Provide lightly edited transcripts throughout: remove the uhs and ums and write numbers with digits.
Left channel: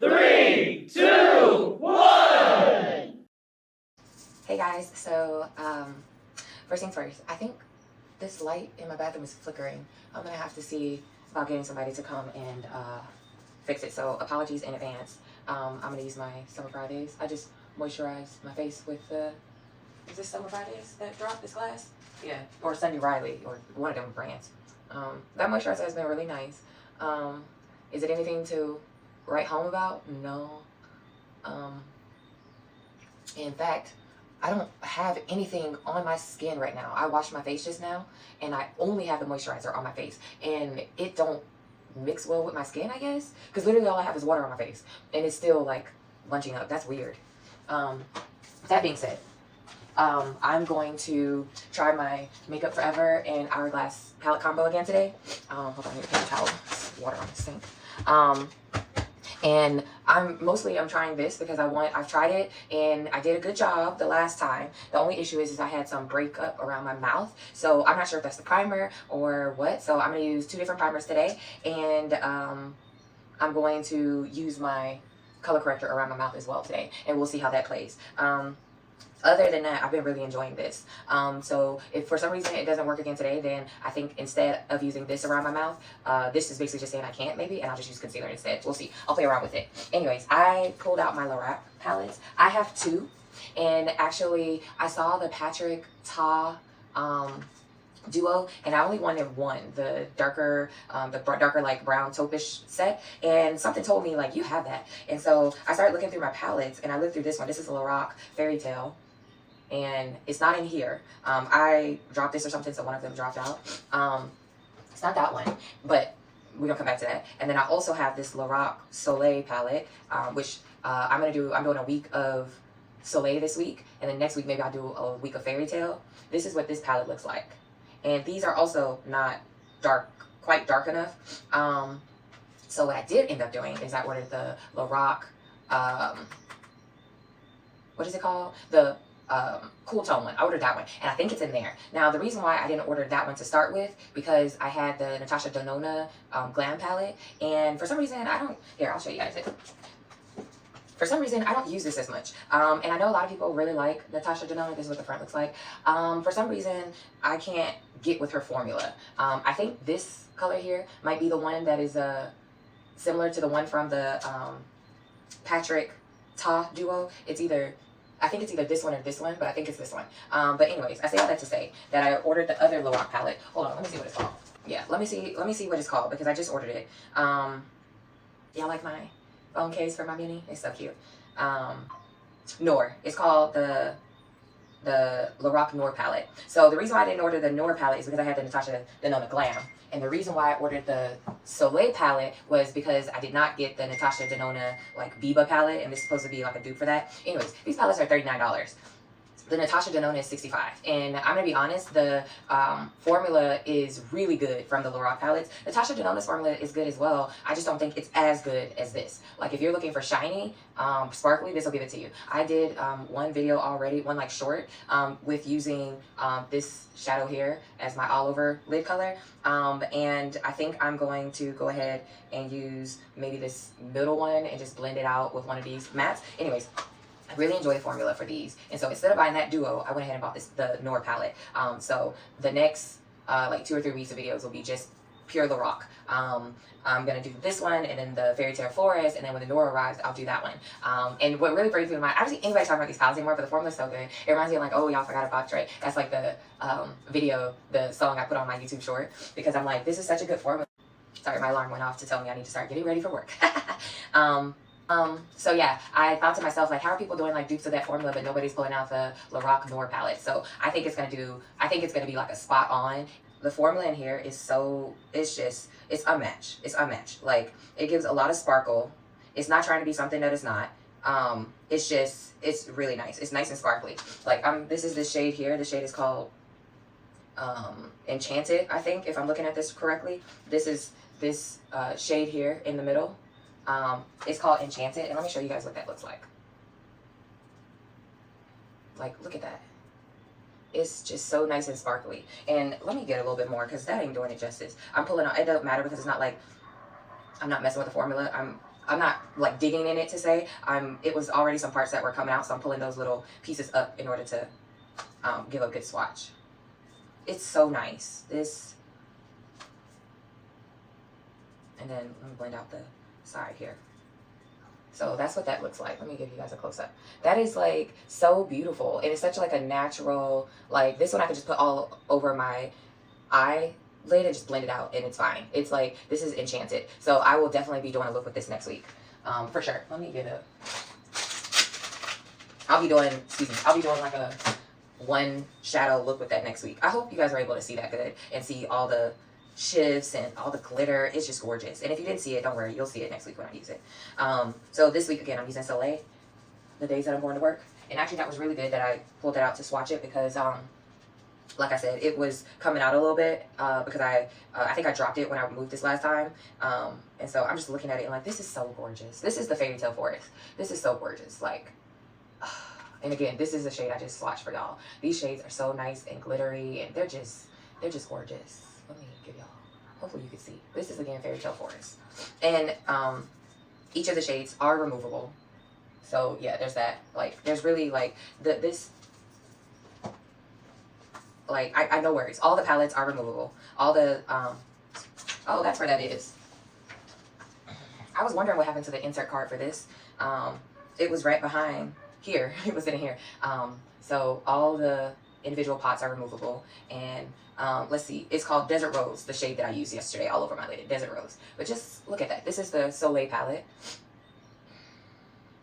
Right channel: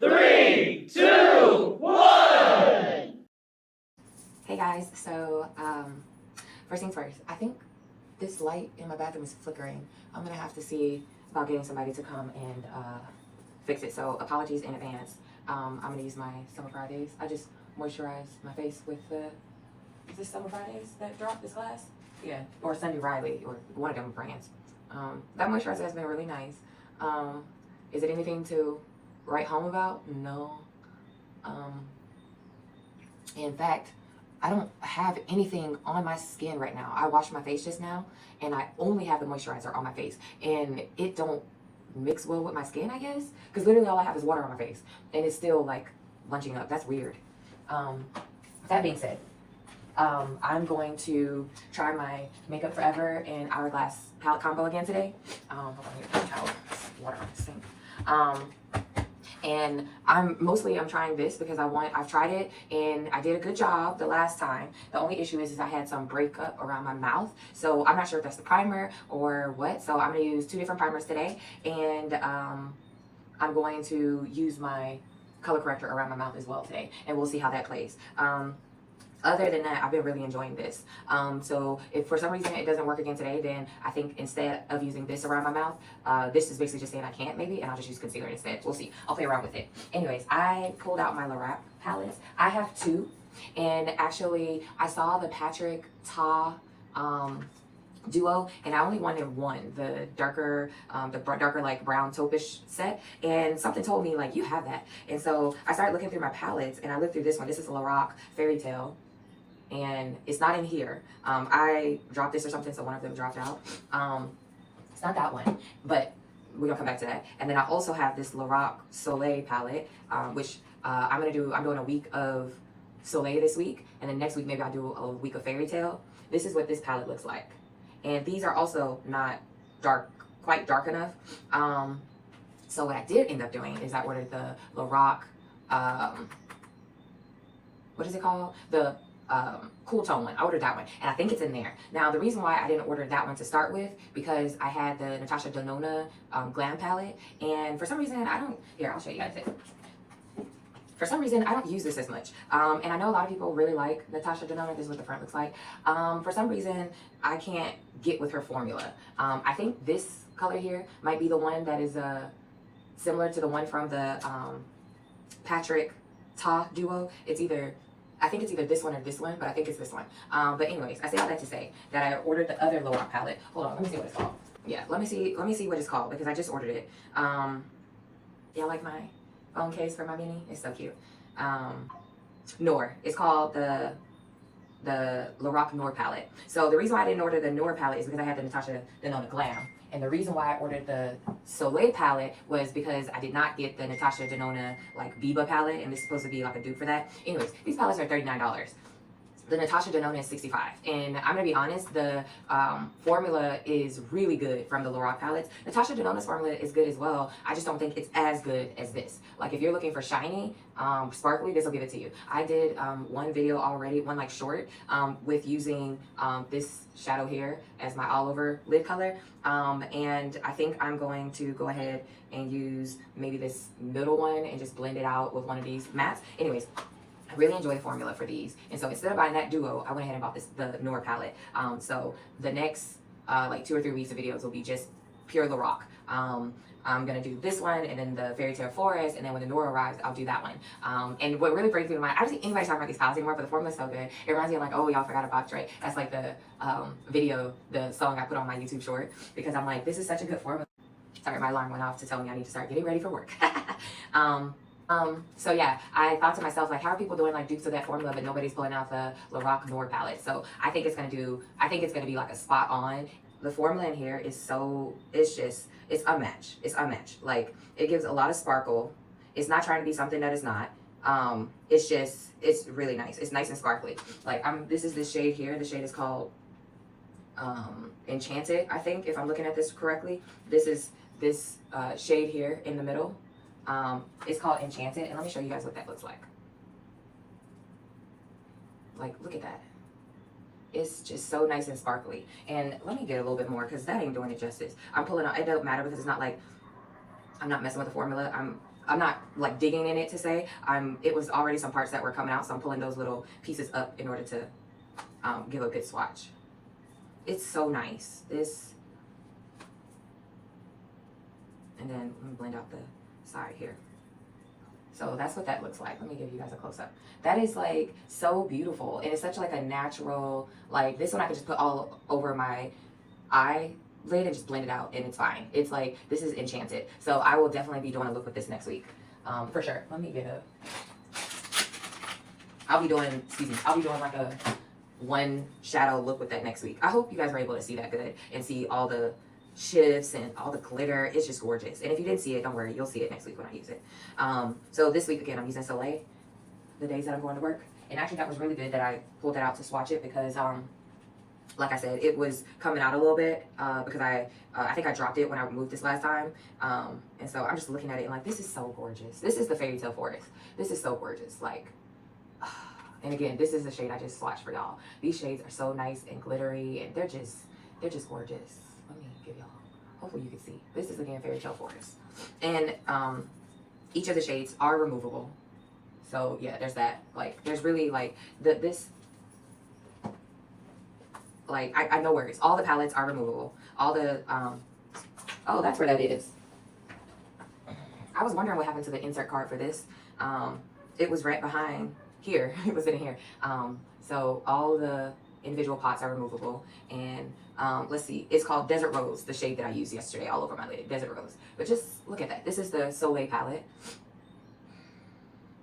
3, 2, 1! Hey guys, so first things first, I think this light in my bathroom is flickering. I'm gonna have to see about getting somebody to come and fix it. So apologies in advance. I'm gonna use my Summer Fridays. I just moisturized my face with the, is this Summer Fridays that dropped this glass? Yeah, or Sunday Riley, or one of them brands. That moisturizer has been really nice. Is it anything to write home about? No. In fact, I don't have anything on my skin right now. I washed my face just now, and I only have the moisturizer on my face, and it don't mix well with my skin, I guess, because literally all I have is water on my face, and it's still like bunching up. That's weird. That being said, I'm going to try my Makeup Forever and Hourglass palette combo again today. Hold on, here, towel, water on the sink. And I'm trying this because I've tried it and I did a good job the last time. The only issue is I had some breakup around my mouth. So I'm not sure if that's the primer or what. So I'm going to use 2 different primers today. And I'm going to use my color corrector around my mouth as well today. And we'll see how that plays. Other than that, I've been really enjoying this. So if for some reason it doesn't work again today, then I think instead of using this around my mouth, this is basically just saying I can't maybe, and I'll just use concealer instead. We'll see. I'll play around with it. Anyways, I pulled out my Lorac palettes. I have 2, and actually I saw the Patrick Ta duo, and I only wanted one, the darker like brown taupish set, and something told me like, you have that. And so I started looking through my palettes, and I looked through this one. This is Lorac Fairy Tale, and it's not in here. I dropped this or something, so one of them dropped out. It's not that one, but we're gonna come back to that. And then I also have this Lorac Soleil palette, which I'm doing a week of Soleil this week, and then next week maybe I'll do a week of Fairy Tale. This is what this palette looks like. And these are also not quite dark enough. So what I did end up doing is I ordered the Lorac, what is it called? The cool tone one. I ordered that one, and I think it's in there. Now, the reason why I didn't order that one to start with, because I had the Natasha Denona Glam palette, and for some reason I'll show you guys it. For some reason, I don't use this as much. And I know a lot of people really like Natasha Denona. This is what the front looks like. For some reason, I can't get with her formula. I think this color here might be the one that is similar to the one from the Patrick Ta duo. I think it's either this one or this one, but I think it's this one. But anyways, I say all that to say that I ordered the other Lorac palette. Hold on, let me see what it's called. Yeah, let me see what it's called, because I just ordered it. Yeah, like my phone case for my mini. It's so cute. Noir. It's called the Lorac Noir palette. So the reason why I didn't order the Noir palette is because I had the Natasha Denona Glam. And the reason why I ordered the Soleil palette was because I did not get the Natasha Denona like Biba palette, and this is supposed to be like a dupe for that. Anyways, these palettes are $39. The Natasha Denona is $65, and I'm gonna be honest, the formula is really good from the Lorac palettes. Natasha Denona's formula is good as well. I just don't think it's as good as this. Like if you're looking for shiny, sparkly, this will give it to you. I did one video already, one like short, with using this shadow here as my all over lid color, and I think I'm going to go ahead and use maybe this middle one and just blend it out with one of these mattes. Anyways, I really enjoy the formula for these, and so instead of buying that duo, I went ahead and bought the Noir palette. So the next like 2 or 3 weeks of videos will be just pure Lorac. I'm gonna do this one, and then the Fairy Tale Forest, and then when the Noir arrives, I'll do that one. And what really brings me to mind, I don't see anybody talking about these palettes anymore, but the formula's so good. It reminds me of like, oh, y'all forgot a box tray. That's like the the song I put on my YouTube short, because I'm like, this is such a good formula. Sorry, my alarm went off to tell me I need to start getting ready for work. So yeah, I thought to myself, like, how are people doing like dupes of that formula, but nobody's pulling out the Lorac Noir palette? So I think it's gonna be like a spot on. The formula in here is it's unmatched. It's unmatched. Like, it gives a lot of sparkle. It's not trying to be something that it's not. It's really nice. It's nice and sparkly. Like, this is this shade here. The shade is called Enchanted, I think, if I'm looking at this correctly. This is this shade here in the middle. It's called Enchanted, and let me show you guys what that looks like. Like, look at that. It's just so nice and sparkly. And let me get a little bit more, because that ain't doing it justice. I'm pulling out, it doesn't matter, because it's not like I'm not messing with the formula. I'm not like digging in it to say. It was already some parts that were coming out, so I'm pulling those little pieces up in order to give a good swatch. It's so nice. This, and then let me blend out the side here. So that's what that looks like. Let me give you guys a close up. That is like so beautiful, and it's such like a natural, like this one I could just put all over my eyelid and just blend it out, and it's fine. It's like, this is enchanted. So I will definitely be doing a look with this next week, for sure. Let me get a, I'll be doing like a one shadow look with that next week. I hope you guys are able to see that good and see all the shifts and all the glitter. It's just gorgeous. And if you didn't see it, don't worry, you'll see it next week when I use it. So this week again, I'm using Soliel the days that I'm going to work. And actually that was really good that I pulled it out to swatch it, because like I said, it was coming out a little bit because I think I dropped it when I moved this last time. And so I'm just looking at it and like, this is so gorgeous. This is the Fairy Tale Forest. This is so gorgeous. Like, and again, this is a shade I just swatched for y'all. These shades are so nice and glittery, and they're just gorgeous. Let me give y'all, hopefully you can see. This is again Fairy Tale Forest. And each of the shades are removable. So yeah, there's that. Like, there's really like this, like, I know words. All the palettes are removable. All the, oh, that's where that is. I was wondering what happened to the insert card for this. It was right behind here. It was in here. So all the individual pots are removable. And let's see, it's called Desert Rose, the shade that I used yesterday all over my lid, Desert Rose. But just look at that. This is the Soliel palette.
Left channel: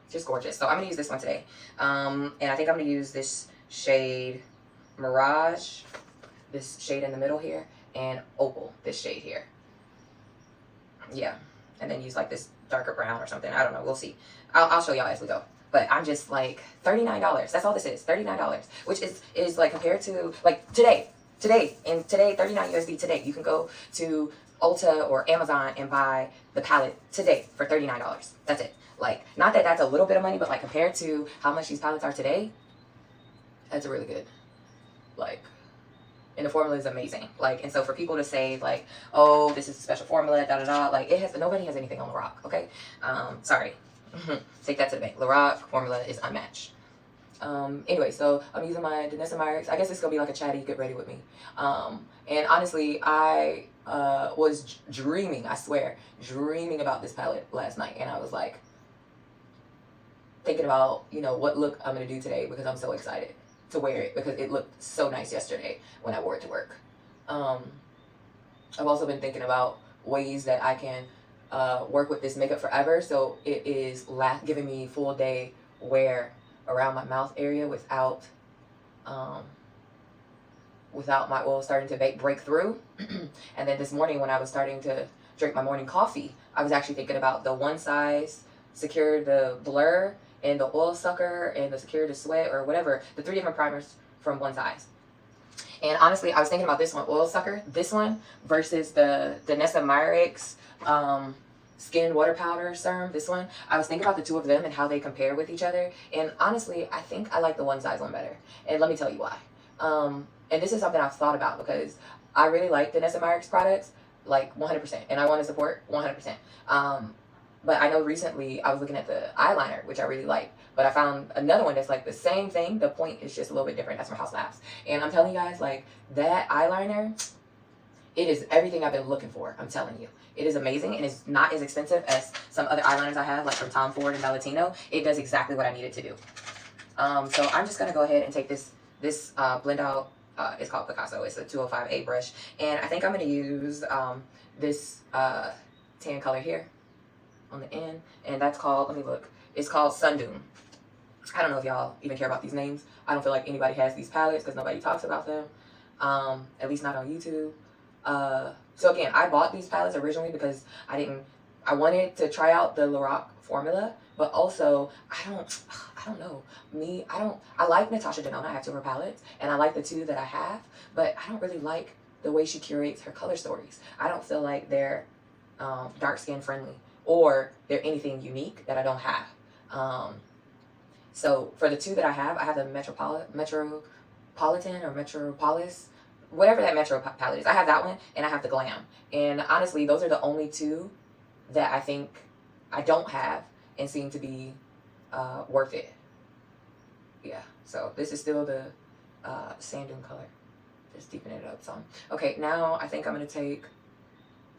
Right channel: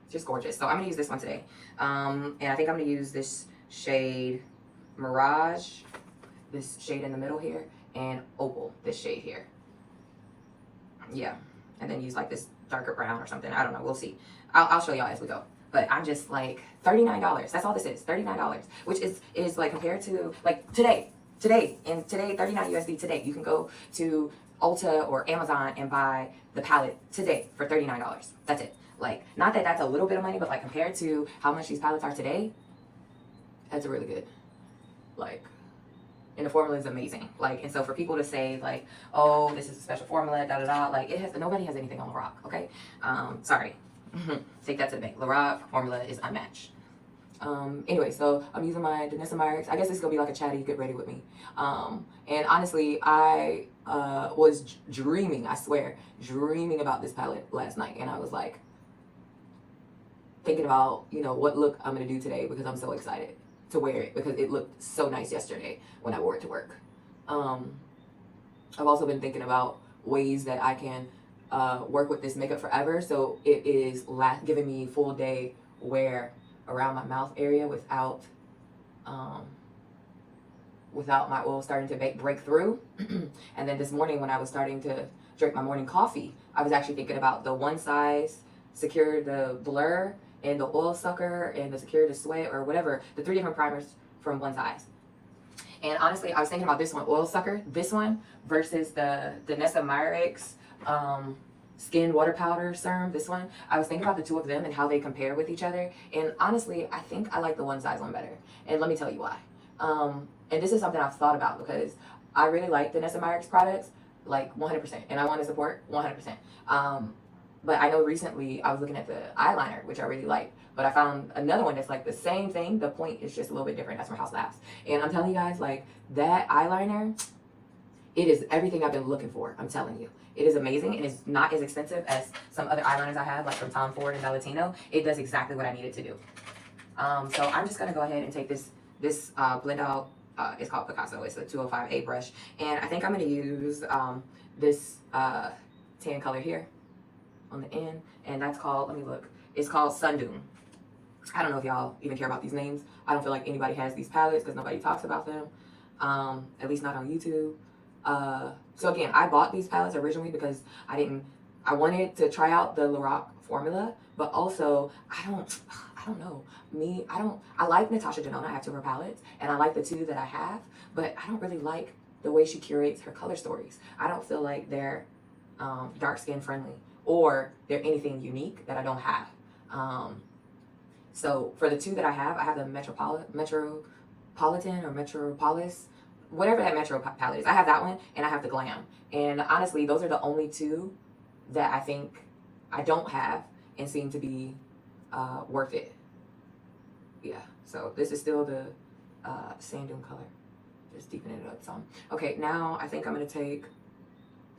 Just gorgeous. So I'm gonna use this one today. And I think I'm gonna use this shade Mirage, this shade in the middle here, and Opal, this shade here. Yeah, and then use like this darker brown or something. I don't know, we'll see. I'll show y'all as we go. But I'm just like, $39. That's all this is, $39. Which is like, compared to like today, 39 USD today. You can go to Ulta or Amazon and buy the palette today for $39. That's it. Like, not that that's a little bit of money, but like compared to how much these palettes are today, that's a really good, like, and the formula is amazing. Like, and so for people to say like, oh, this is a special formula, da da da, like, nobody has anything on Lorac, okay? Sorry. Take that to the bank. Lorac formula is unmatched. Anyway, so I'm using my NARS. I guess it's gonna be like a chatty get ready with me. And honestly, I was dreaming, I swear, dreaming about this palette last night, and I was like thinking about, you know, what look I'm gonna do today, because I'm so excited to wear it, because it looked so nice yesterday when I wore it to work. I've also been thinking about ways that I can work with this makeup forever, so it is giving me full day wear around my mouth area without my oil starting to break through. And then this morning when I was starting to drink my morning coffee, I was actually thinking about the One Size Secure the Blur and the Oil Sucker and the Secure the Sweat, or whatever, the 3 different primers from One Size. And honestly, I was thinking about this one, Oil Sucker, this one, versus the Danessa Myricks Skin Water Powder Serum, this one. I was thinking about the two of them and how they compare with each other. And honestly, I think I like the One Size one better. And let me tell you why. And this is something I've thought about, because I really like the Danessa Myricks products, like 100%. And I want to support 100%. But I know recently I was looking at the eyeliner, which I really like. But I found another one that's like the same thing. The point is just a little bit different. That's from House Labs. And I'm telling you guys, like, that eyeliner, it is everything I've been looking for. I'm telling you. It is amazing, and it's not as expensive as some other eyeliners I have, like from Tom Ford and Valentino. It does exactly what I need it to do. So I'm just going to go ahead and take this blend out. It's called Picasso. It's a 205A brush. And I think I'm going to use this tan color here on the end. And that's called, let me look. It's called Sundune. I don't know if y'all even care about these names. I don't feel like anybody has these palettes because nobody talks about them. At least not on YouTube. So again, I bought these palettes originally because I wanted to try out the Lorac formula, but also I don't know. I like Natasha Denona. I have 2 of her palettes, and I like the 2 that I have, but I don't really like the way she curates her color stories. I don't feel like they're dark skin friendly, or they're anything unique that I don't have. So for the 2 that I have the Metropolitan or Metropolis, whatever that Metro palette is. I have that one, and I have the Glam. And honestly, those are the only 2 that I think I don't have and seem to be worth it. Yeah, so this is still the sand dune color. Just deepen it up some. Okay, now I think I'm gonna take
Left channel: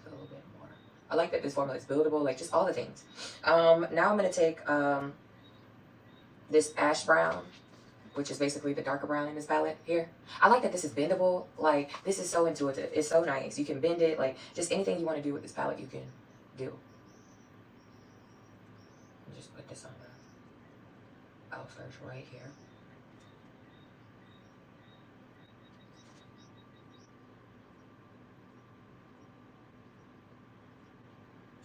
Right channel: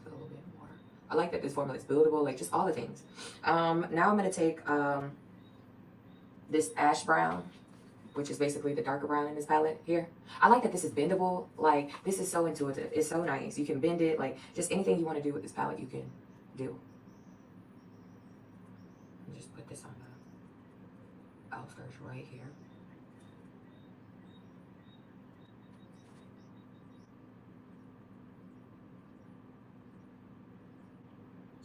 a little bit more. I like that this formula is buildable, like just all the things. Now I'm gonna take this ash brown, which is basically the darker brown in this palette here. I like that this is bendable. Like, this is so intuitive. It's so nice. You can bend it. Like, just anything you want to do with this palette, you can do. Just put this on the outskirts right here.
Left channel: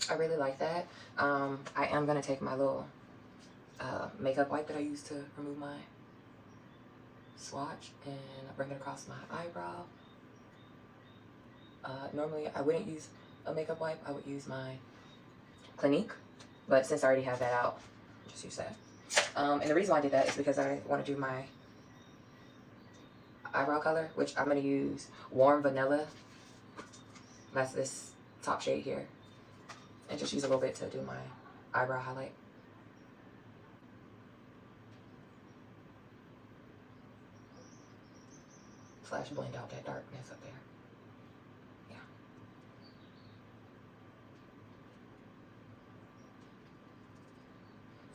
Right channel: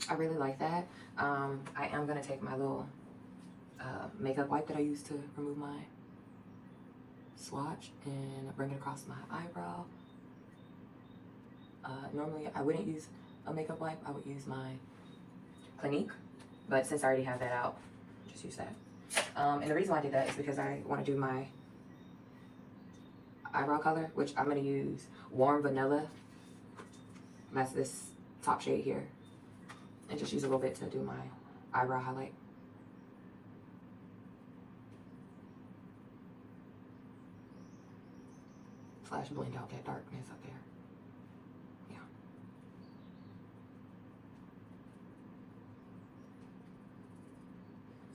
I really like that. I am going to take my little makeup wipe that I use to remove my swatch and bring it across my eyebrow. Normally I wouldn't use a makeup wipe. I would use my Clinique, but since I already have that out, just use that. And the reason why I did that is because I want to do my eyebrow color, which I'm going to use Warm Vanilla. That's this top shade here. And just use a little bit to do my eyebrow highlight. Slash blend out that darkness up there. Yeah.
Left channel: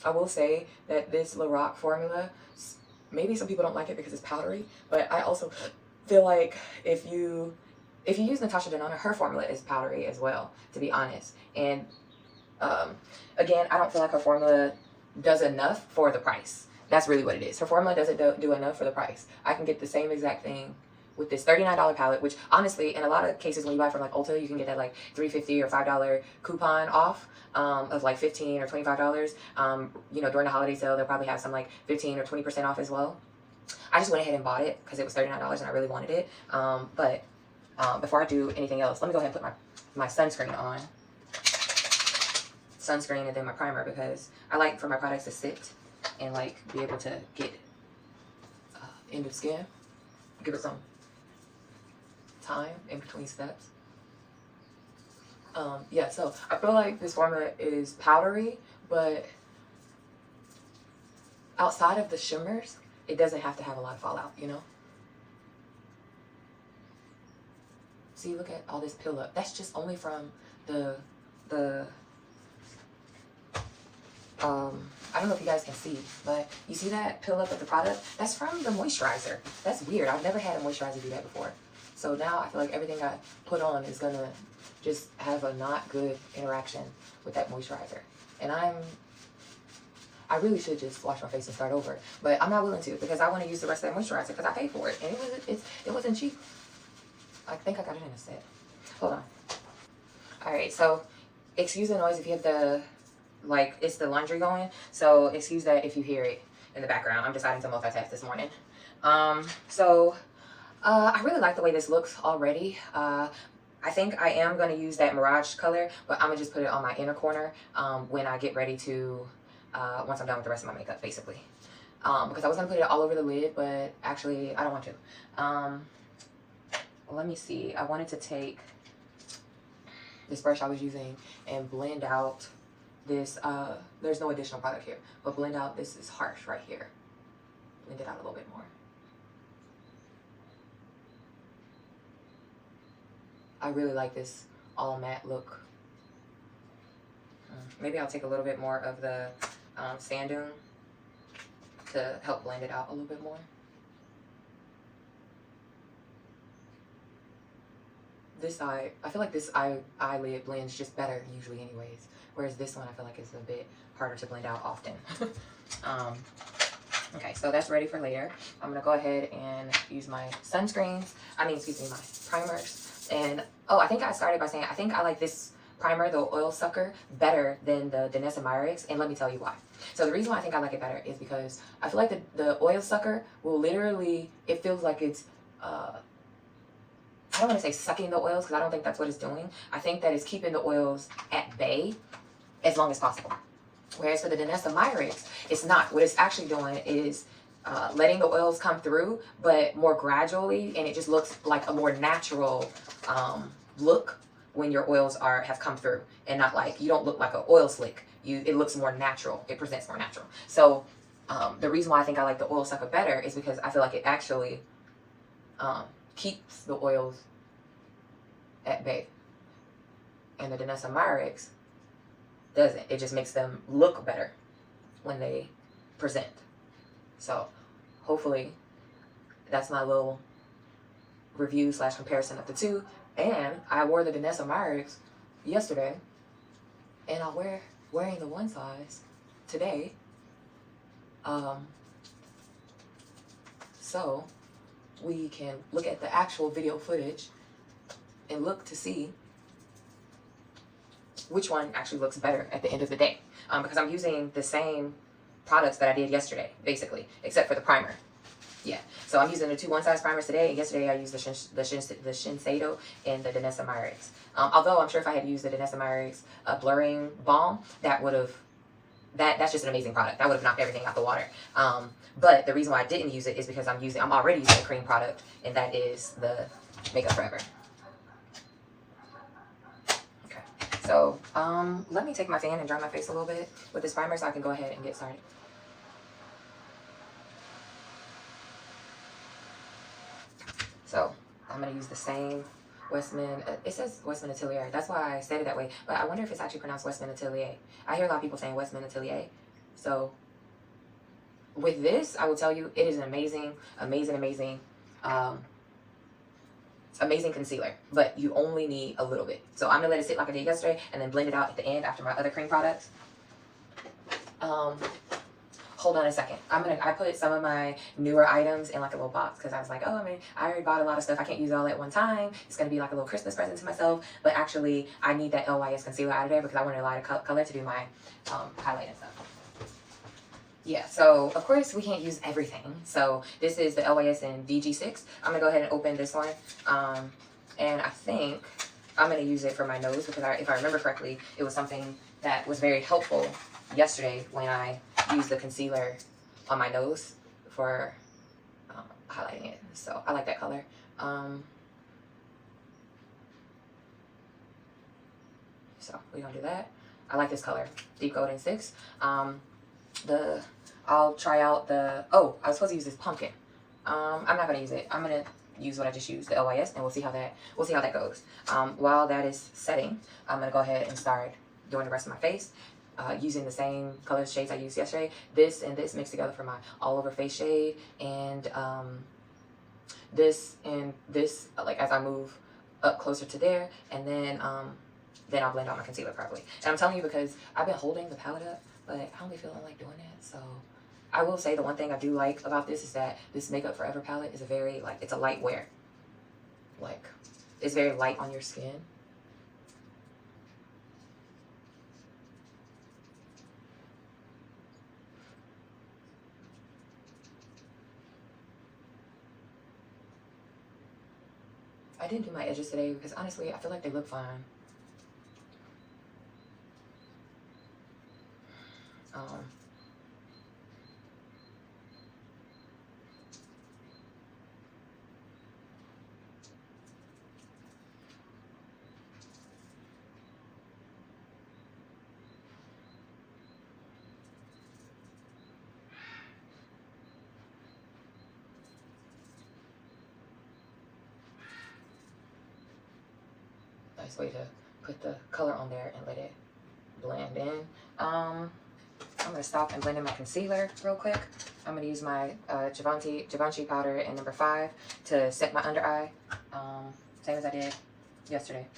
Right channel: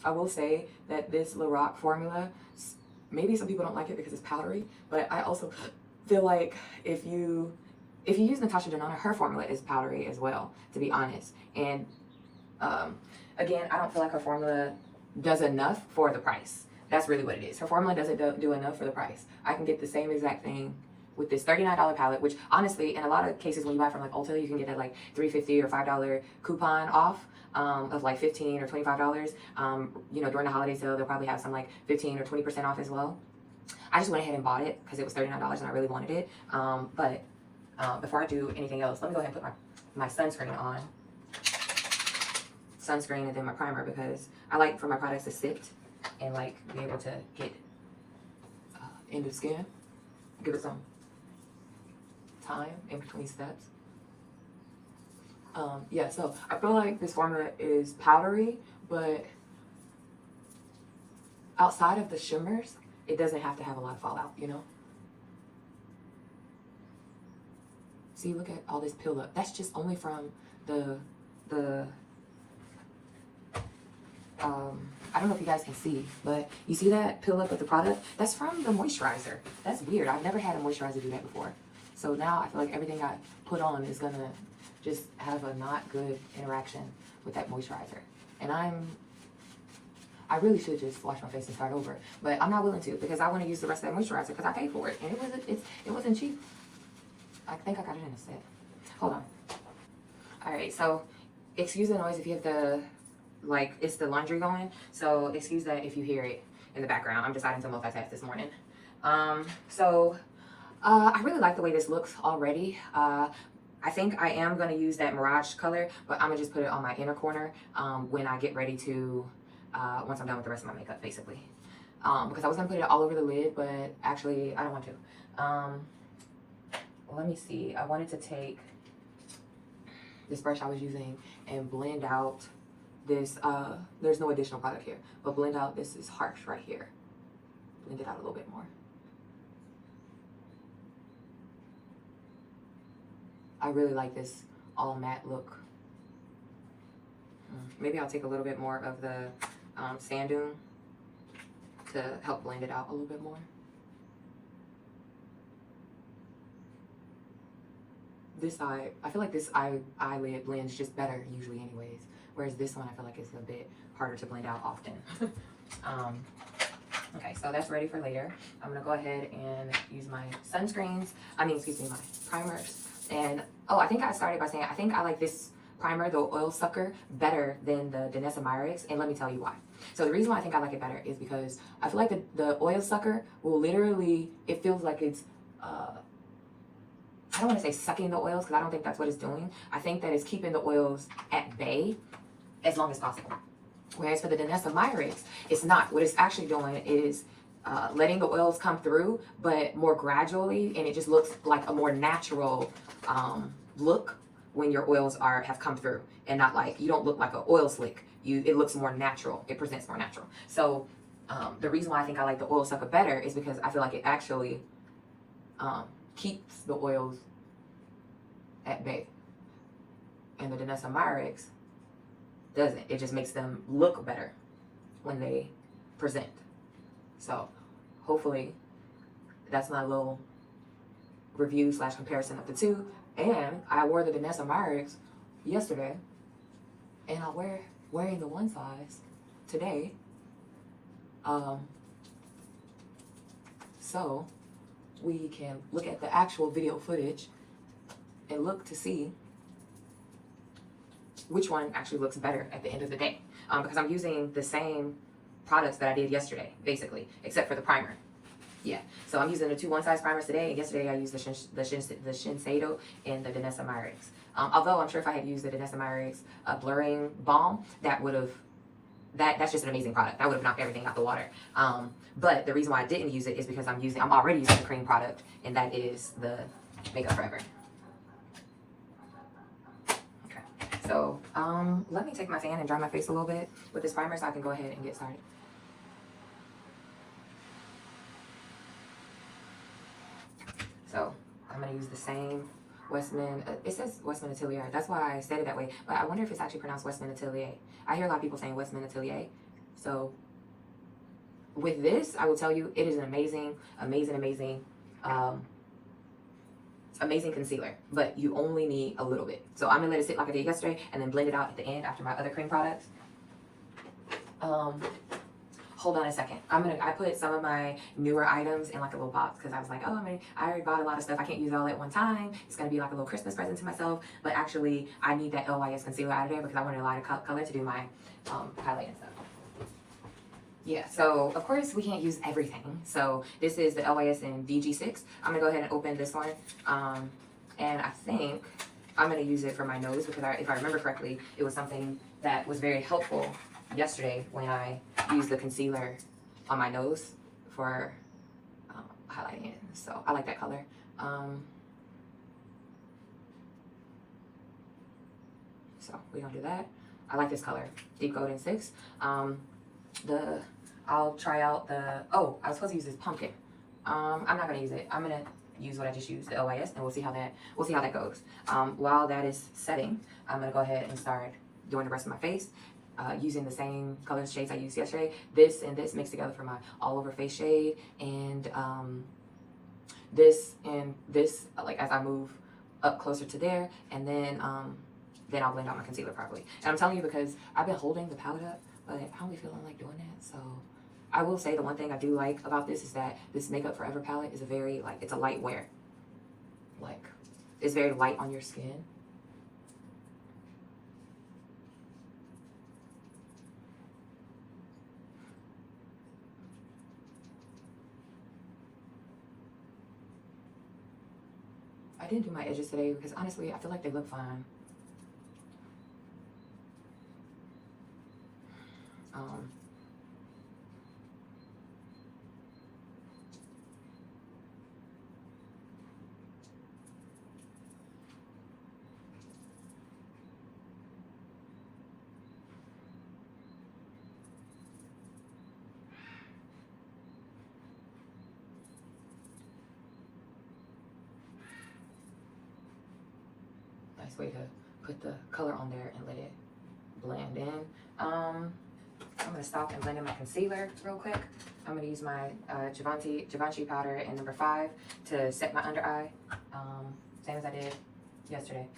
I will say that this Lorac formula, maybe some people don't like it because it's powdery, but I also feel like if you use Natasha Denona, her formula is powdery as well, to be honest. And again, I don't feel like her formula does enough for the price. That's really what it is. Her formula doesn't do enough for the price. I can get the same exact thing with this $39 palette, which honestly, in a lot of cases when you buy from like Ulta, you can get that like $3.50 or $5 coupon off of like $15 or $25. You know, during the holiday sale, they'll probably have some like 15 or 20% off as well. I just went ahead and bought it because it was $39 and I really wanted it. But before I do anything else, let me go ahead and put my sunscreen on. Sunscreen and then my primer, because I like for my products to sit and like be able to get end of skin. Give it some time in between steps. Yeah, so I feel like this formula is powdery, but outside of the shimmers, it doesn't have to have a lot of fallout, you know? See, look at all this pill up. That's just only from the I don't know if you guys can see, but you see that pill up with the product? That's from the moisturizer. That's weird. I've never had a moisturizer do that before. So now I feel like everything I put on is gonna just have a not good interaction with that moisturizer. And I really should just wash my face and start over, but I'm not willing to because I want to use the rest of that moisturizer because I paid for it and it wasn't cheap. I think I got it in a set. Hold on. All right, so excuse the noise if you have the it's the laundry going, so excuse that if you hear it in the background. I'm deciding to multitask this morning. I really like the way this looks already. I think I am going to use that Mirage color, but I'm going to just put it on my inner corner when I get ready to, once I'm done with the rest of my makeup, basically. Because I was going to put it all over the lid, but actually I don't want to. Let me see. I wanted to take this brush I was using and blend out this, there's no additional product here, but blend out, this is harsh right here. Blend it out a little bit more. I really like this all matte look. Maybe I'll take a little bit more of the sand dune to help blend it out a little bit more. This eye, I feel like this eyelid blends just better usually anyways. Whereas this one I feel like is a bit harder to blend out often. Okay, so that's ready for later. I'm gonna go ahead and use my sunscreens. Excuse me, my primers. And, oh, I think I started by saying I think I like this primer, the Oil Sucker, better than the Danessa Myricks, and let me tell you why. So the reason why I think I like it better is because I feel like the Oil Sucker will literally, it feels like it's, I don't want to say sucking the oils because I don't think that's what it's doing. I think that it's keeping the oils at bay as long as possible. Whereas for the Danessa Myricks, it's not. What it's actually doing is letting the oils come through, but more gradually, and it just looks like a more natural look when your oils have come through, and not like, you don't look like an oil slick. it looks more natural. It presents more natural. So the reason why I think I like the oil sucker better is because I feel like it actually keeps the oils at bay. And the Danessa Myricks doesn't. It just makes them look better when they present. So hopefully that's my little review / comparison of the two. And I wore the Danessa Myricks yesterday, and I'm wearing the one size today. So we can look at the actual video footage and look to see which one actually looks better at the end of the day. Because I'm using the same products that I did yesterday, basically, except for the primer. Yeah, so I'm using the two one-size primers today. Yesterday I used the Shiseido and the Danessa Myricks. Although I'm sure if I had used the Danessa Myricks blurring balm, that would have, that's just an amazing product. That would have knocked everything out the water. But the reason why I didn't use it is because I'm already using the cream product, and that is the Makeup Forever. Okay, so let me take my fan and dry my face a little bit with this primer so I can go ahead and get started. So I'm going to use the same Westman, it says Westman Atelier. That's why I said it that way. But I wonder if it's actually pronounced Westman Atelier. I hear a lot of people saying Westman Atelier. So with this, I will tell you, it is an amazing concealer. But you only need a little bit. So I'm going to let it sit like I did yesterday and then blend it out at the end after my other cream products. Hold on a second. I put some of my newer items in like a little box because I was like, oh, I already bought a lot of stuff. I can't use it all at one time. It's going to be like a little Christmas present to myself. But actually, I need that LYS concealer out of there because I wanted a lighter color to do my highlight and stuff. Yeah, so of course we can't use everything. So this is the LYS in VG6. I'm going to go ahead and open this one. And I think I'm going to use it for my nose because if I remember correctly, it was something that was very helpful yesterday when I used the concealer on my nose for highlighting it. So I like that color. So we're gonna do that. I like this color, Deep Golden 6. I'll try out the, oh, I was supposed to use this pumpkin. I'm not gonna use it. I'm gonna use what I just used, the LYS, and we'll see how that goes. While that is setting, I'm gonna go ahead and start doing the rest of my face. Using the same color shades I used yesterday. This and this mixed together for my all over face shade, and this and this, like as I move up closer to there, and then I'll blend out my concealer properly. And I'm telling you because I've been holding the palette up, but I don't be feeling like doing that. So I will say the one thing I do like about this is that this Makeup Forever palette is a very, like, it's a light wear. Like, it's very light on your skin. I didn't do my edges today because honestly, I feel like they look fine. Nice way to put the color on there and let it blend in. I'm going to stop and blend in my concealer real quick. I'm going to use my Givenchy powder in number 5 to set my under eye, same as I did yesterday.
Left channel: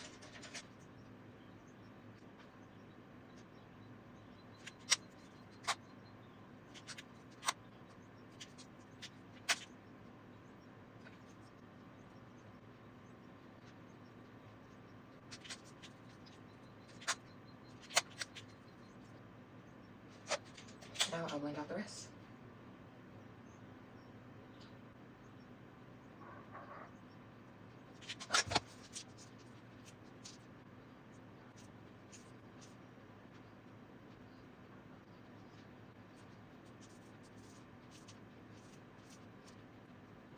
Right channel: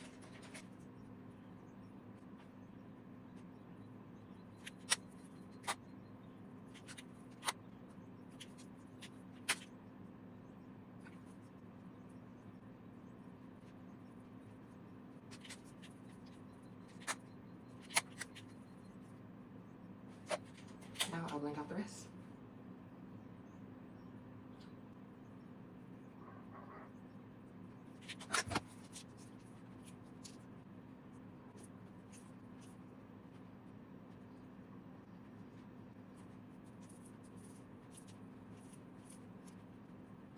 Now I'll blend out the rest.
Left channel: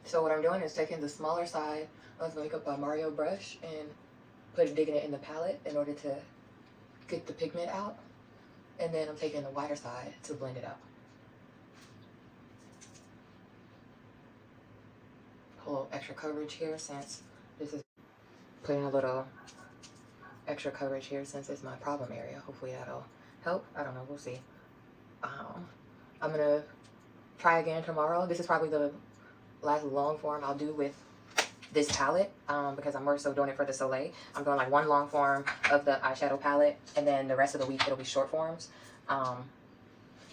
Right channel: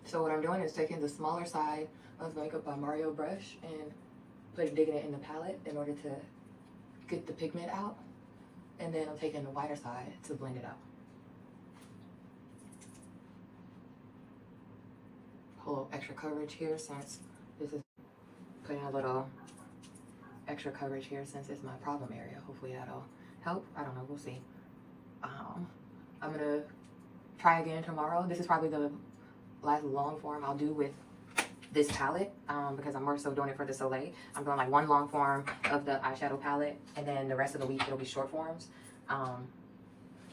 So what I'm doing is taking the smaller side of the Makeup by Mario brush and digging it in the palette in order to get the pigment out. And then I'm taking the whiter side to blend it out. A little extra coverage here since this is putting a little extra coverage here since it's my problem area. Hopefully that'll help. I don't know, we'll see. I'm gonna try again tomorrow. This is probably the last long form I'll do with this palette because I'm more so doing it for the Soliel. I'm doing like one long form of the eyeshadow palette, and then the rest of the week it'll be short forms.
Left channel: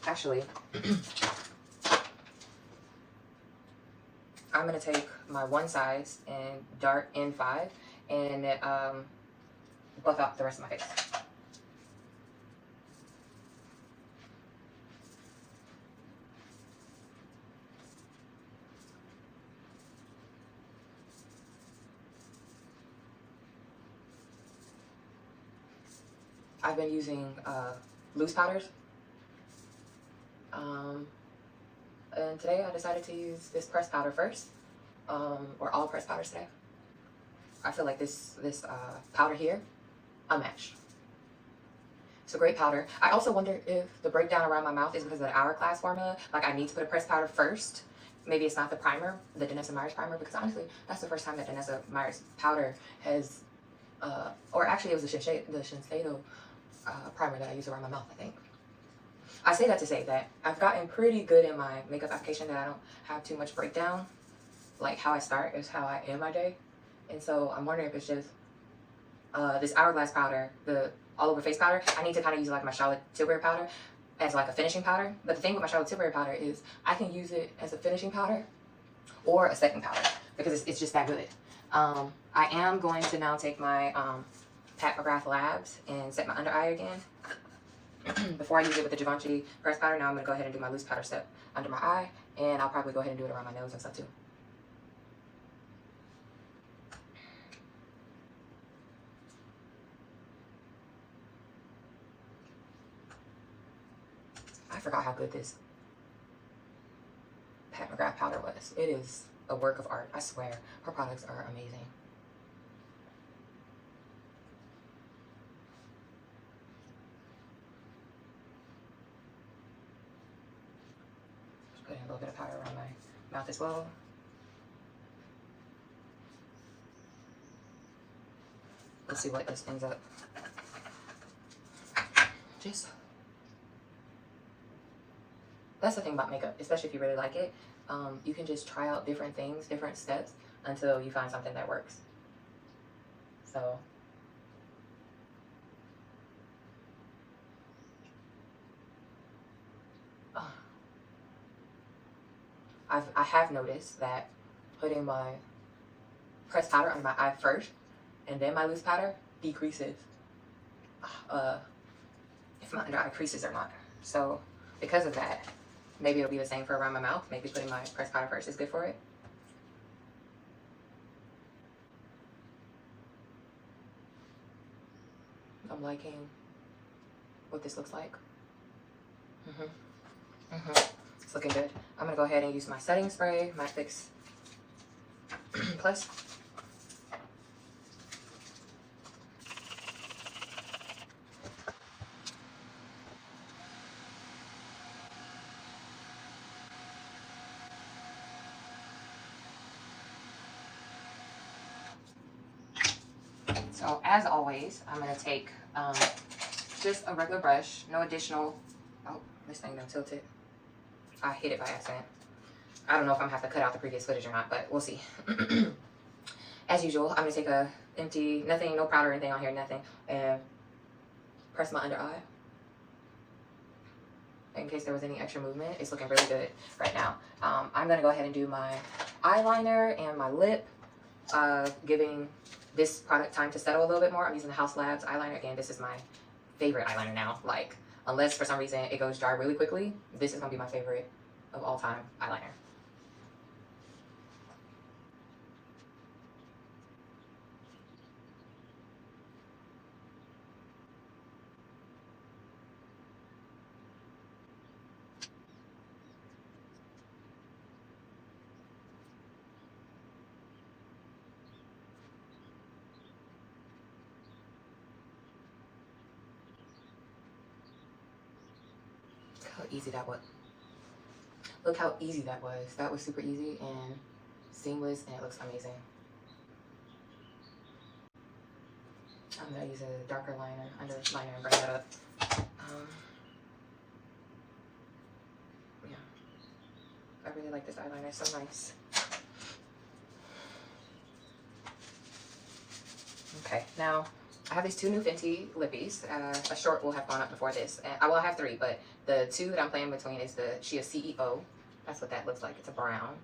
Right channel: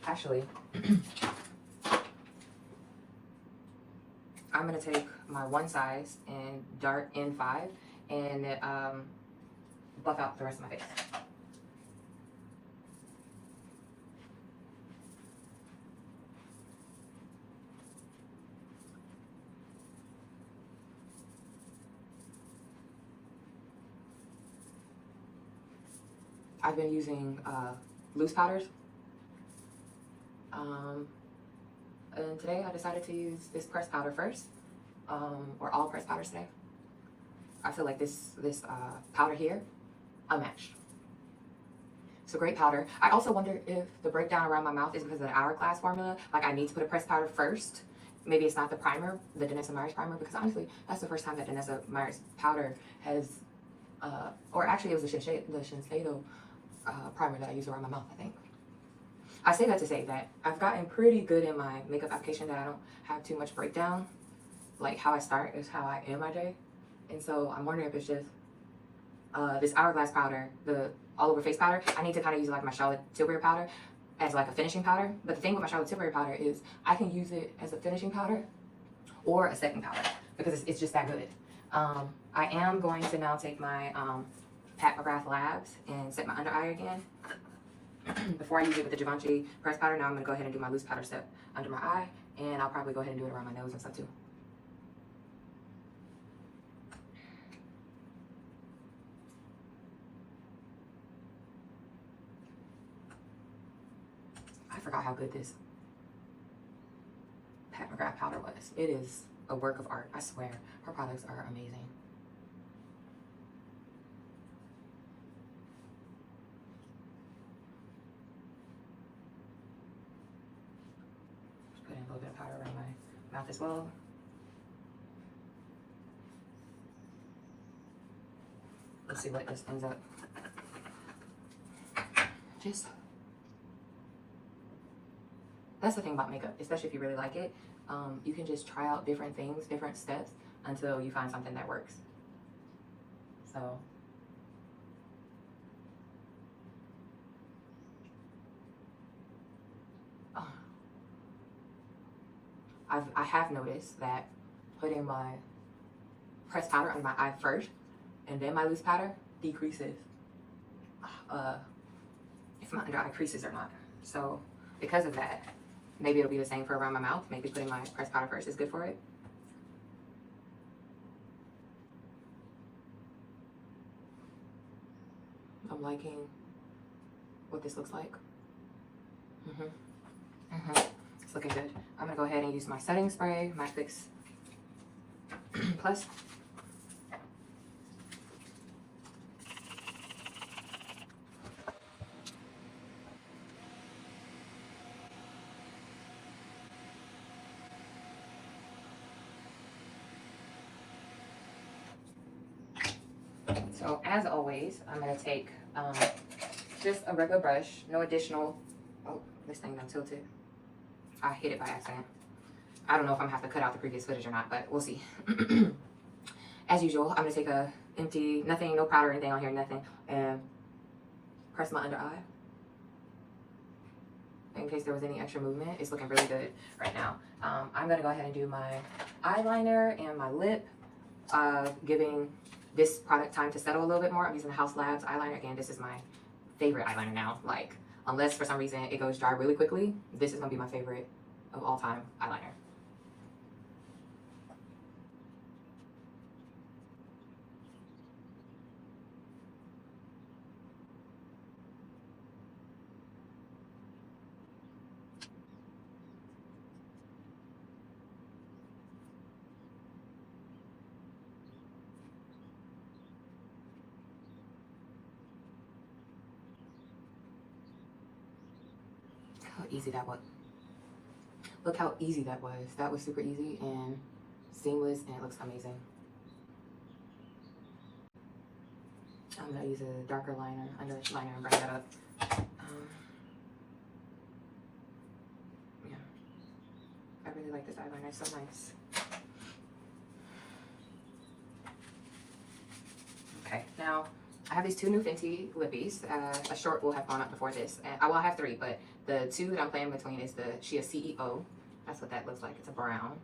Actually, I'm gonna take my one size and dart N5 and buff out the rest of my face. I've been using loose powders. And today I decided to use this pressed powder first, or all pressed powders today. I feel like this powder here, unmatched. It's a great powder. I also wonder if the breakdown around my mouth is because of the hourglass formula. Like I need to put a pressed powder first. Maybe it's not the primer, the Danessa Meyers primer, because honestly, that's the first time that Danessa Meyers powder has, or actually it was the Shiseido primer that I use around my mouth, I think. I say that to say that I've gotten pretty good in my makeup application, that I don't have too much breakdown. Like how I start is how I end my day. And so I'm wondering if it's just this hourglass powder, the all over face powder. I need to kind of use like my Charlotte Tilbury powder as like a finishing powder. But the thing with my Charlotte Tilbury powder is I can use it as a finishing powder or a second powder because it's just that good. I am going to now take my Pat McGrath Labs and set my under eye again. Before I use it with the Givenchy pressed powder, now I'm going to go ahead and do my loose powder step under my eye, and I'll probably go ahead and do it around my nose and stuff too. I forgot how good this Pat McGrath powder was. It is a work of art, I swear. Her products are amazing. Putting a little bit of powder around my mouth as well. Let's see what this ends up. That's the thing about makeup, especially if you really like it. You can just try out different things, different steps until you find something that works. So I have noticed that putting my pressed powder under my eye first and then my loose powder decreases if my under eye creases or not. So because of that, maybe it'll be the same for around my mouth. Maybe putting my pressed powder first is good for it. I'm liking what this looks like. It's looking good. I'm gonna go ahead and use my setting spray, Matte Fix Plus. So as always, I'm gonna take just a regular brush, no additional, oh, this thing done tilted. I hit it by accident. I don't know if I'm gonna have to cut out the previous footage or not, but we'll see. As usual, I'm gonna take a empty, nothing, no powder or anything on here, nothing, and press my under eye. In case there was any extra movement, it's looking really good right now. I'm gonna go ahead and do my eyeliner and my lip, giving this product time to settle a little bit more. I'm using the House Labs eyeliner. Again, this is my favorite eyeliner now. Like, unless for some reason it goes dry really quickly, this is gonna be my favorite of all time eyeliner. how easy that was. Look how easy that was. That was super easy and seamless, and it looks amazing. I'm gonna use a darker liner, underliner, and bring that up. Yeah, I really like this eyeliner. It's so nice. Okay, now I have these two new Fenty lippies. A short will have gone up before this. I will have three, but the two that I'm playing between is the Shea CEO. That's what that looks like. It's a brown.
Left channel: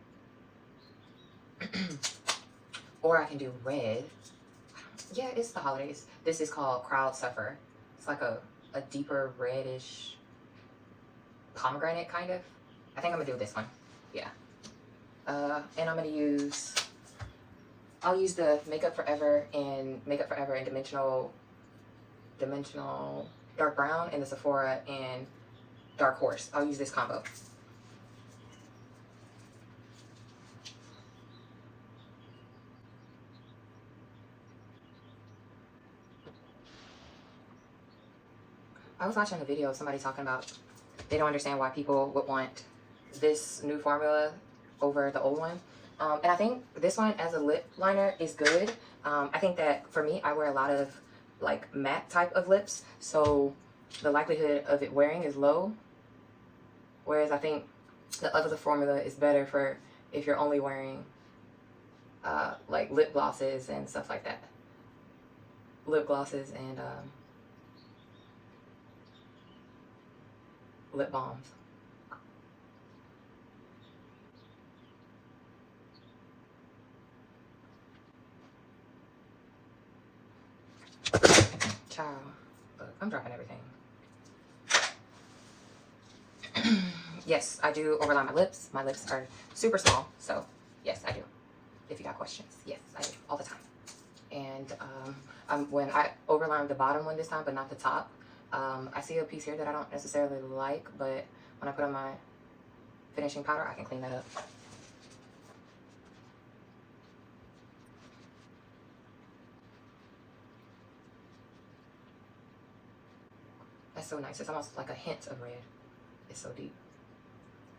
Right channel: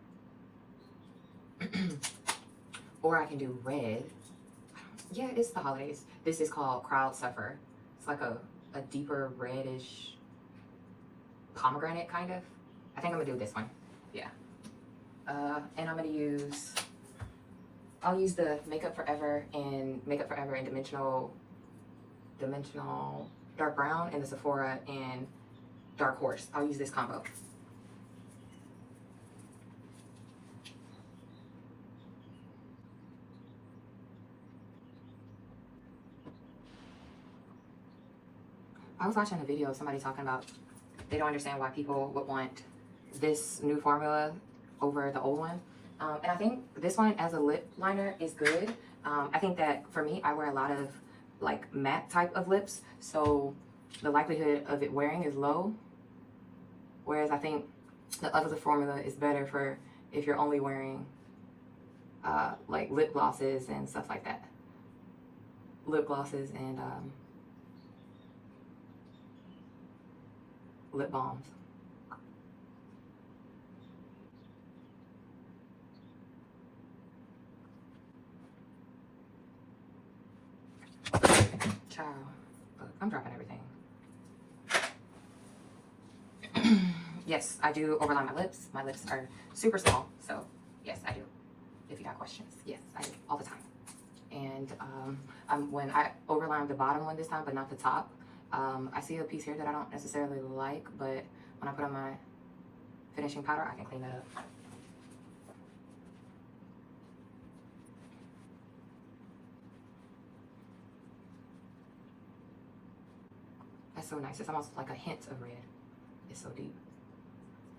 Or I can do red. Yeah, it's the holidays. This is called Crowd Suffer. It's like a deeper reddish pomegranate kind of. I think I'm gonna do this one. Yeah. And I'm gonna use, I'll use the Makeup Forever in dimensional dark brown, and the Sephora in dark horse. I'll use this combo. I was watching a video of somebody talking about they don't understand why people would want this new formula over the old one. And I think this one as a lip liner is good. I think that for me, I wear a lot of like matte type of lips, so the likelihood of it wearing is low. Whereas I think the other formula is better for if you're only wearing like lip glosses and stuff like that. Lip glosses and lip balms. Ciao. Look, I'm dropping everything. Yes, I do overline my lips. My lips are super small, so yes, I do. If you got questions, yes, I do all the time. And when I overlined the bottom one this time, but not the top, I see a piece here that I don't necessarily like, but when I put on my finishing powder, I can clean that up. That's so nice. It's almost like a hint of red. It's so deep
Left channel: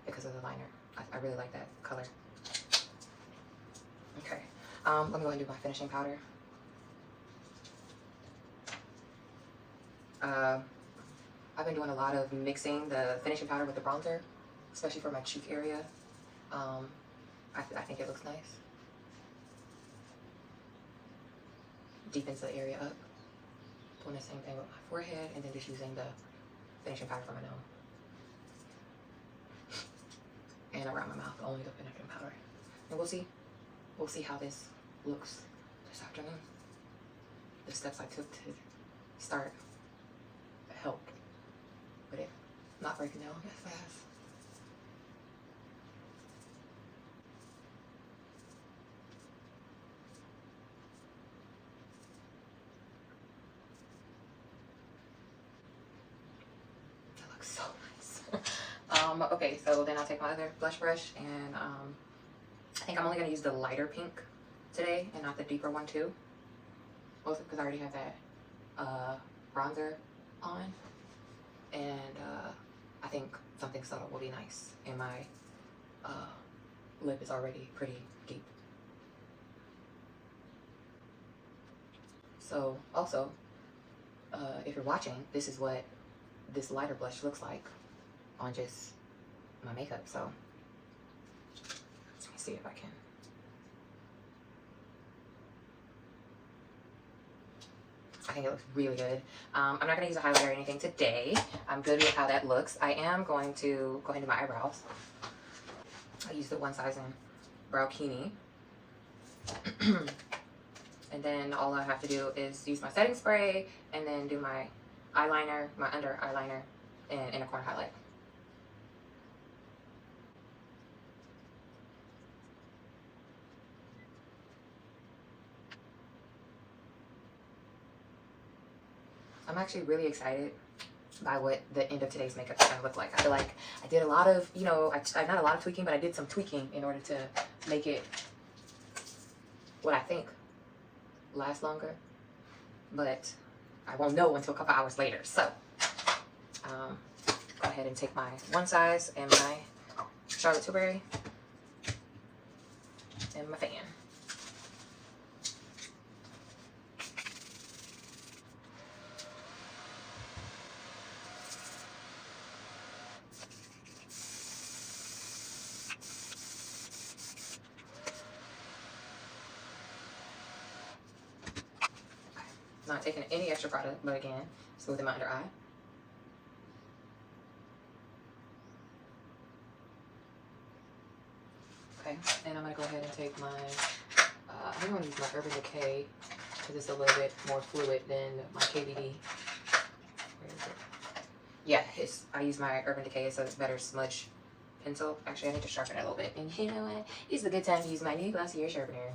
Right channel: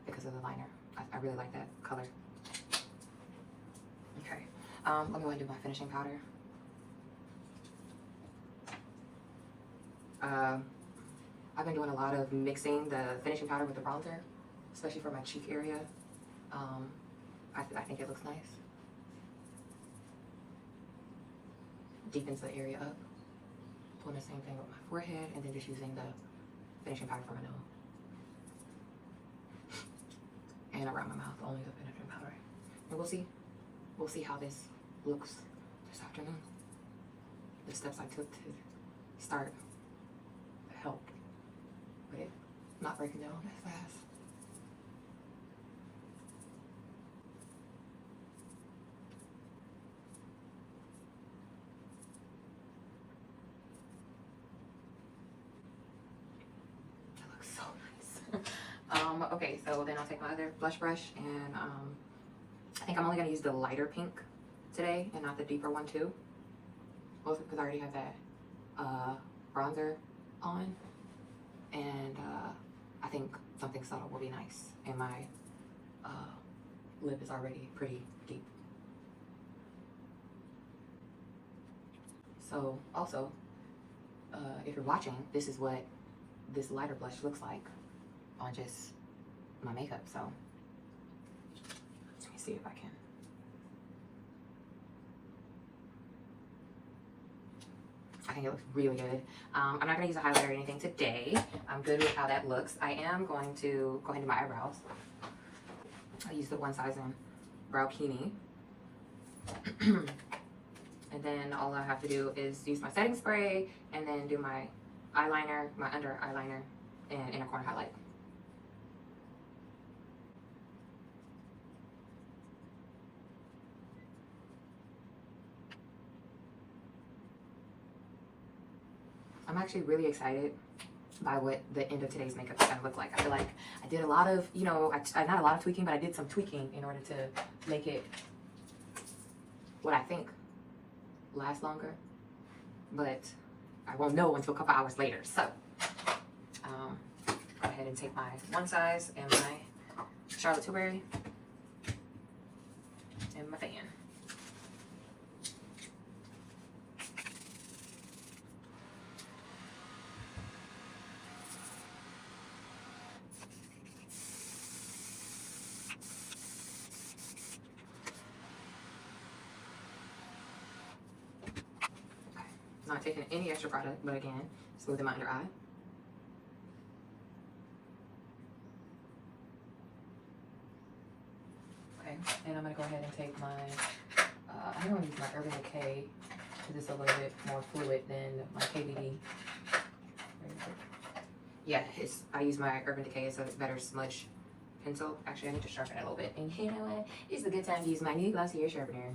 because of the liner. I really like that color. Okay, let me go ahead and do my finishing powder. I've been doing a lot of mixing the finishing powder with the bronzer, especially for my cheek area. I think it looks nice. Deepens the area up. Doing the same thing with my forehead, and then just using the finishing powder for my nose. And around my mouth, only the finishing powder. And we'll see how this looks this afternoon. The steps I took to start helped with it not breaking down as fast. That looks so nice. Okay, so then I'll take my other blush brush, and I think I'm only going to use the lighter pink today and not the deeper one too. Also because I already have that bronzer on, and I think something subtle will be nice, and my lip is already pretty deep. So also, if you're watching, this is what this lighter blush looks like on just my makeup. So let me see if I can. I think it looks really good. I'm not going to use a highlighter or anything today. I'm good with how that looks. I am going to go ahead and do my eyebrows. I'll use the One Size in Brow Kini. And then all I have to do is use my setting spray and then do my eyeliner, my under eyeliner, and inner corner highlight. I'm actually really excited by what the end of today's makeup is going to look like. I feel like I did a lot of, you know, not a lot of tweaking, but I did some tweaking in order to make it what I think last longer. But I won't know until a couple hours later. So, go ahead ahead and take my one size and my Charlotte Tilbury and my fan. Not taking any extra product, but again, smoothing my under eye. Okay, and I'm gonna go ahead and take my, I'm gonna use my Urban Decay because it's a little bit more fluid than my KVD. Where is it? Yeah, I use my Urban Decay, so it's better smudge pencil. Actually, I need to sharpen it a little bit. And you know what? This is a good time to use my new Glossier sharpener.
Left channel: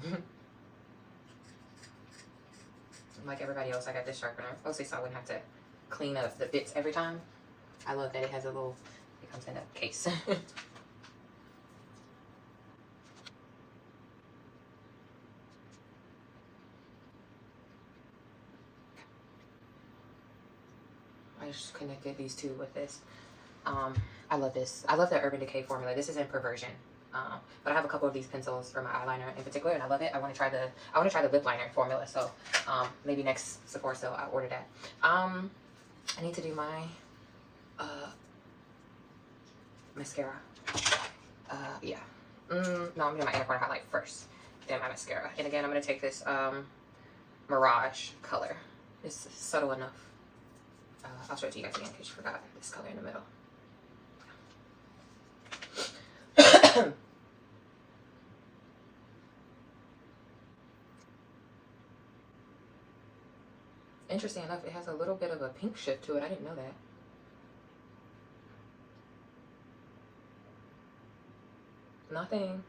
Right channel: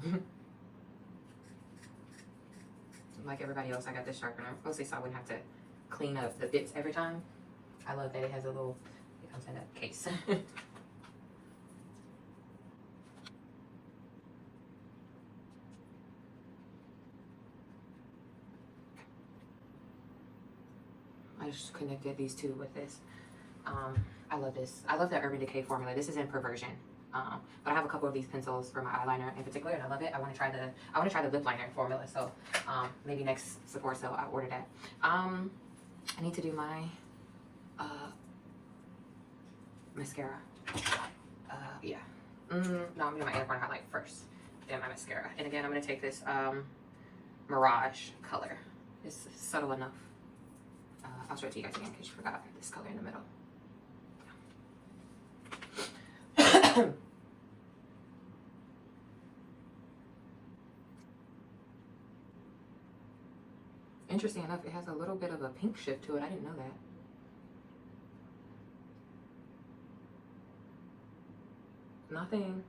Like everybody else, I got this sharpener mostly so I wouldn't have to clean up the bits every time. I love that it has a little, it comes in a case. I just connected these two with this. I love this. I love the Urban Decay formula. This is in Perversion. But I have a couple of these pencils for my eyeliner in particular, and I love it. I want to try the lip liner formula. So maybe next Sephora sale I'll order that. I need to do my mascara. Yeah. No, I'm gonna do my inner corner highlight first, then my mascara. And again, I'm gonna take this Mirage color. It's subtle enough. I'll show it to you guys again in case you forgot this color in the middle. Interesting enough, it has a little bit of a pink shift to it. I didn't know that. Nothing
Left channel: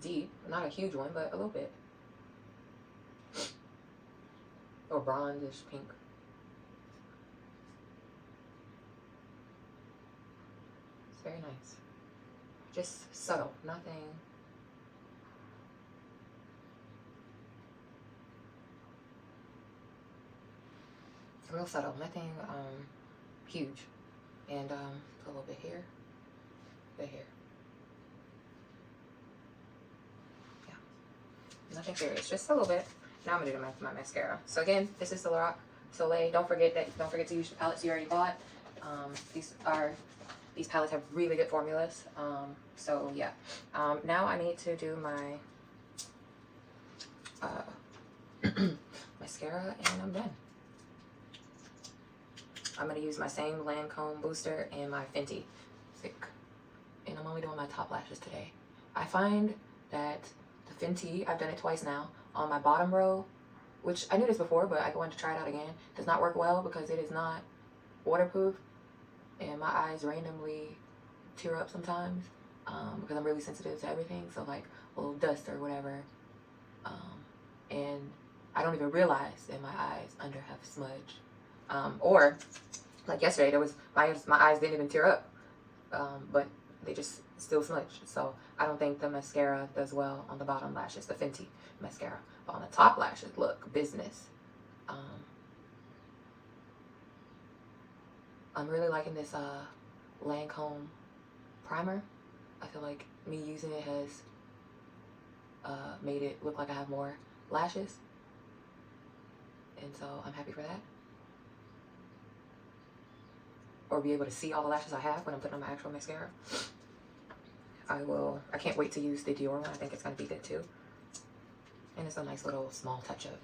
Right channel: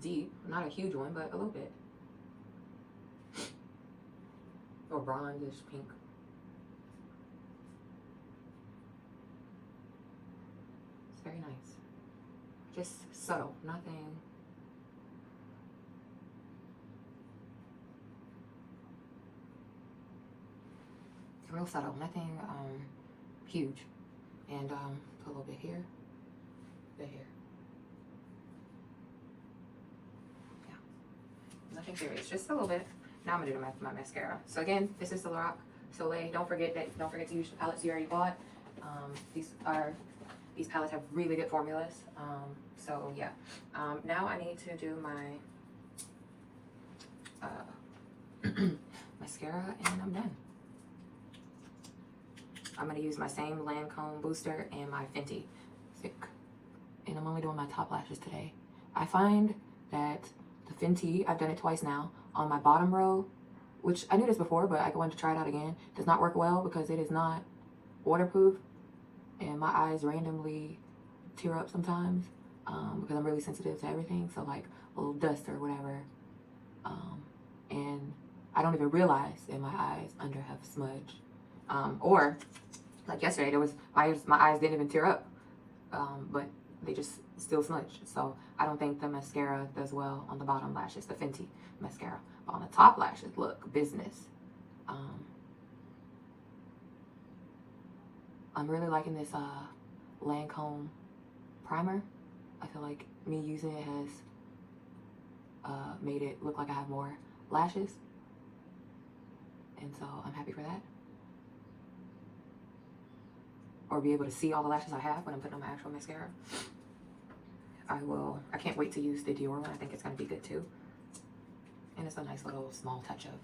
deep, not a huge one, but a little bit. Or bronze-ish pink. It's very nice. Just subtle, nothing. Real subtle, nothing huge. And a little bit here, bit here. Yeah, nothing serious, just a little bit. Now I'm gonna do my mascara. So again, this is the Lorac Soliel. Don't forget to use the palettes you already bought. These palettes have really good formulas. So yeah. Now I need to do my mascara, and I'm done. I'm going to use my same Lancome booster and my Fenty thick. And I'm only doing my top lashes today. I find that the Fenty, I've done it twice now, on my bottom row, which I knew this before, but I wanted to try it out again, does not work well because it is not waterproof. And my eyes randomly tear up sometimes because I'm really sensitive to everything. So like a little dust or whatever. And I don't even realize that my eyes under have smudge. Or like yesterday, there was my eyes didn't even tear up, but they just still smudged. So I don't think the mascara does well on the bottom lashes, the Fenty mascara. But on the top lashes, look, business. I'm really liking this Lancome primer. I feel like me using it has made it look like I have more lashes, and so I'm happy for that. Or be able to see all the lashes I have when I'm putting on my actual mascara. I can't wait to use the Dior one. I think it's going to be good too. And it's a nice little small touch of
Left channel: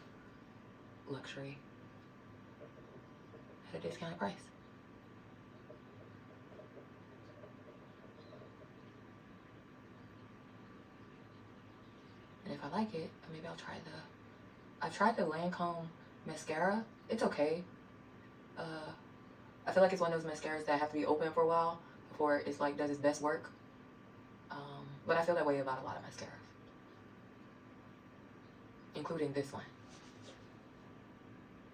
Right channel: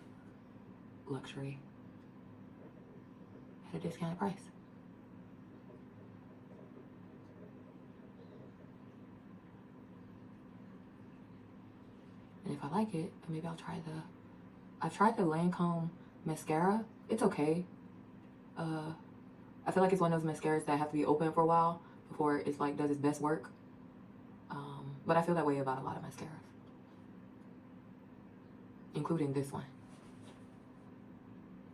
luxury at a discounted price. And if I like it, maybe I'll try I've tried the Lancome mascara. It's okay. I feel like it's one of those mascaras that have to be open for a while before it's like does its best work. But I feel that way about a lot of mascaras, including this one,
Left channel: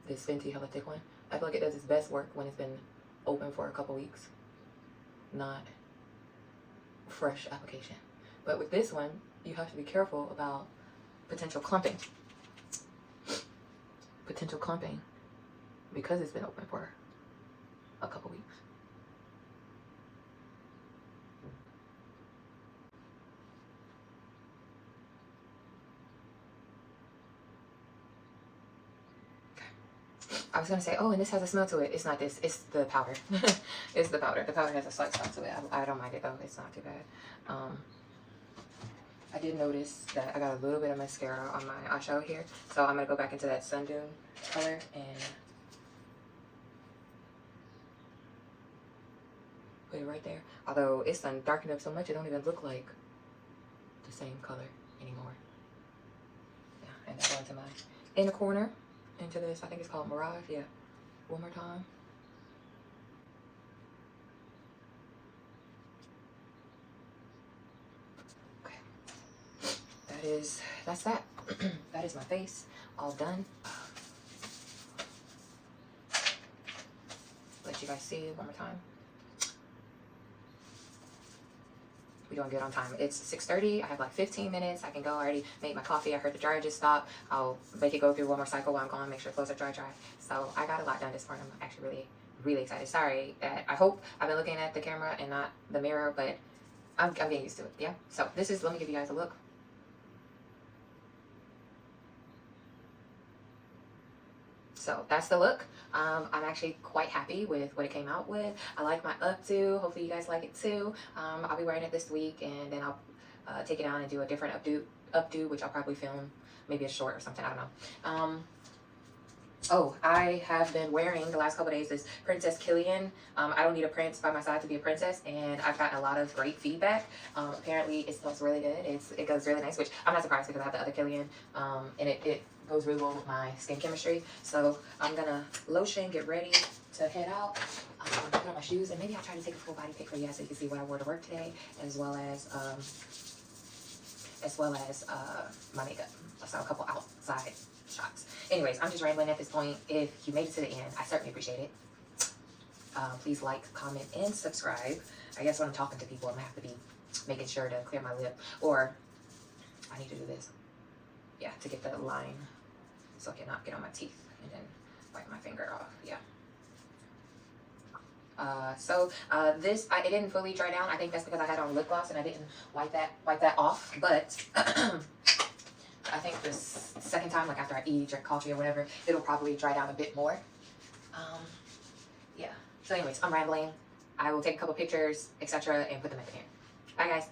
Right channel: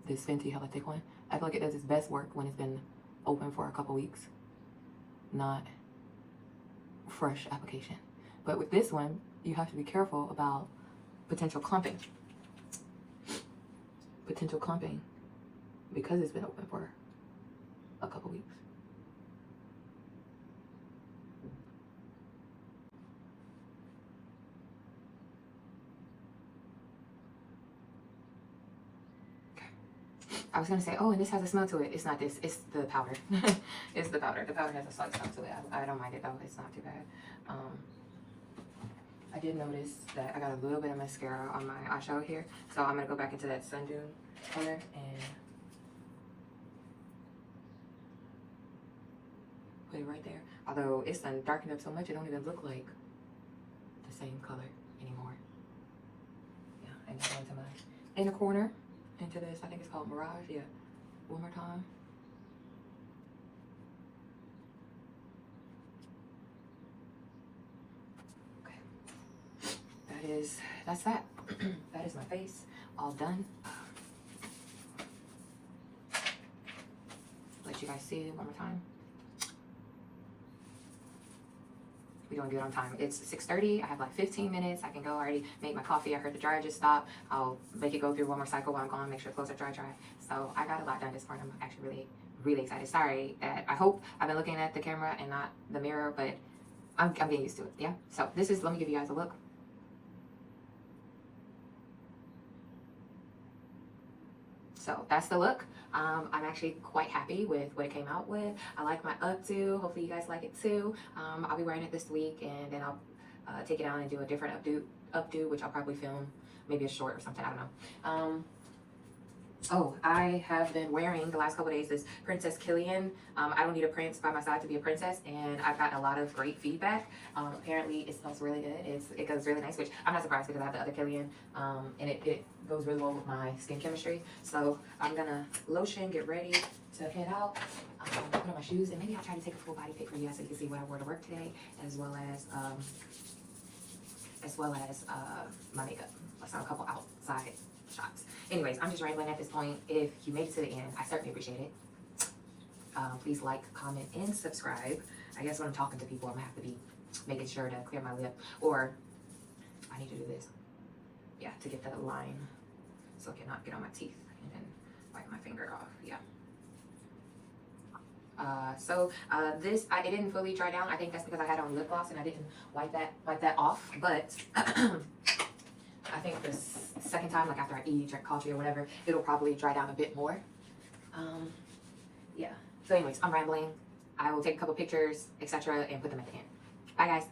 this Fenty Hella Thick one. I feel like it does its best work when it's been open for a couple weeks, not fresh application. But with this one, you have to be careful about potential clumping. Potential clumping because it's been open for a couple weeks. I was gonna say, oh, and this has a smell to it. It's not this. It's the powder. It's the powder. The powder has a slight smell to it. I don't mind it though. It's not too bad. I did notice that I got a little bit of mascara on my eyeshadow here, so I'm gonna go back into that Sun Dune color and put it right there. Although it's done darkened up so much, it don't even look like the same color anymore. Yeah, and then go into my inner corner, into this, I think it's called Mirage. Yeah, one more time. Okay, that's that. That is my face, all done. Let you guys see one more time. We're doing good on time. It's 6:30. I have like 15 minutes. I can go. I already made my coffee. I heard the dryer just stop. I'll make it go through one more cycle while I'm gone. Make sure clothes are dry. So I got a lot done this morning. I'm actually really, really excited. Sorry that I hope I've been looking at the camera and not the mirror, but I'm getting used to it. Yeah. So this is. Let me give you guys a look. So that's the look. I'm actually quite happy with what it came out with. I like my updo. Hopefully you guys like it too. I'll be wearing it this week, and then I'll take it down and do a different updo, which I'll probably film maybe a short or something. I don't know. Oh, I have been wearing the last couple of days this Princess Killian. I don't need a prince by my side to be a princess, and I've gotten a lot of great feedback. Apparently it smells really good. It goes really nice, which I'm not surprised because I have the other Killian, and it goes really well with my skin chemistry. So I'm gonna lotion, get ready to head out, put on my shoes, and maybe I'll try to take a full body pic for you guys so you can see what I wore to work today, as well as my makeup. So a couple outside shots. Anyways, I'm just rambling at this point. If you made it to the end, I certainly appreciate it. Please like, comment, and subscribe. I guess when I'm talking to people, I'm gonna have to be making sure to clear my lip, or I need to do this. Yeah, to get the line so it cannot get on my teeth, and then wipe my finger off. Yeah. This it didn't fully dry down. I think that's because I had on lip gloss and I didn't wipe that off. But I think the second time, like after I eat, drink coffee or whatever, it'll probably dry down a bit more. Yeah. So anyways, I'm rambling. I will take a couple pictures, etc., and put them at the end. Bye, guys.